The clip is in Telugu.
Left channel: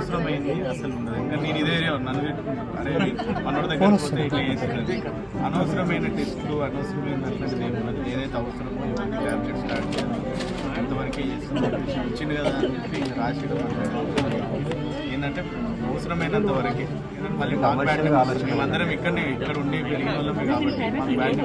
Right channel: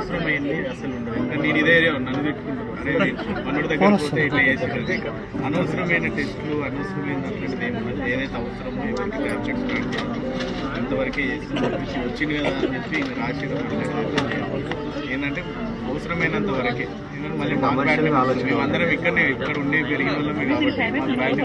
అనవసరమైంది అసలు ఉండదు. ఎందుకంటే నేను ఇదే నన్ను పెట్టుకుంటారు, అరే మనోడి దగ్గర పోతే ఇట్లా చేసేది. అనవసరమైన టెస్టులు అనవసరమైన అట్లాంటిది ఏమన్నది ఏదైతే అవసరమో ఎవరికి ట్యాబ్లెట్స్ స్టార్ట్ చేయాలి అంతవరకే చేస్తున్నాం. వచ్చింది కదా అని చెప్పి రాజశేఖర్ ఏంటంటే అవసరమైనంత వరకే. మళ్ళీ మేమందరం ఇక్కడ ఉండి పెరిగిన వాళ్ళమే కాబట్టి మాకు బ్యాడ్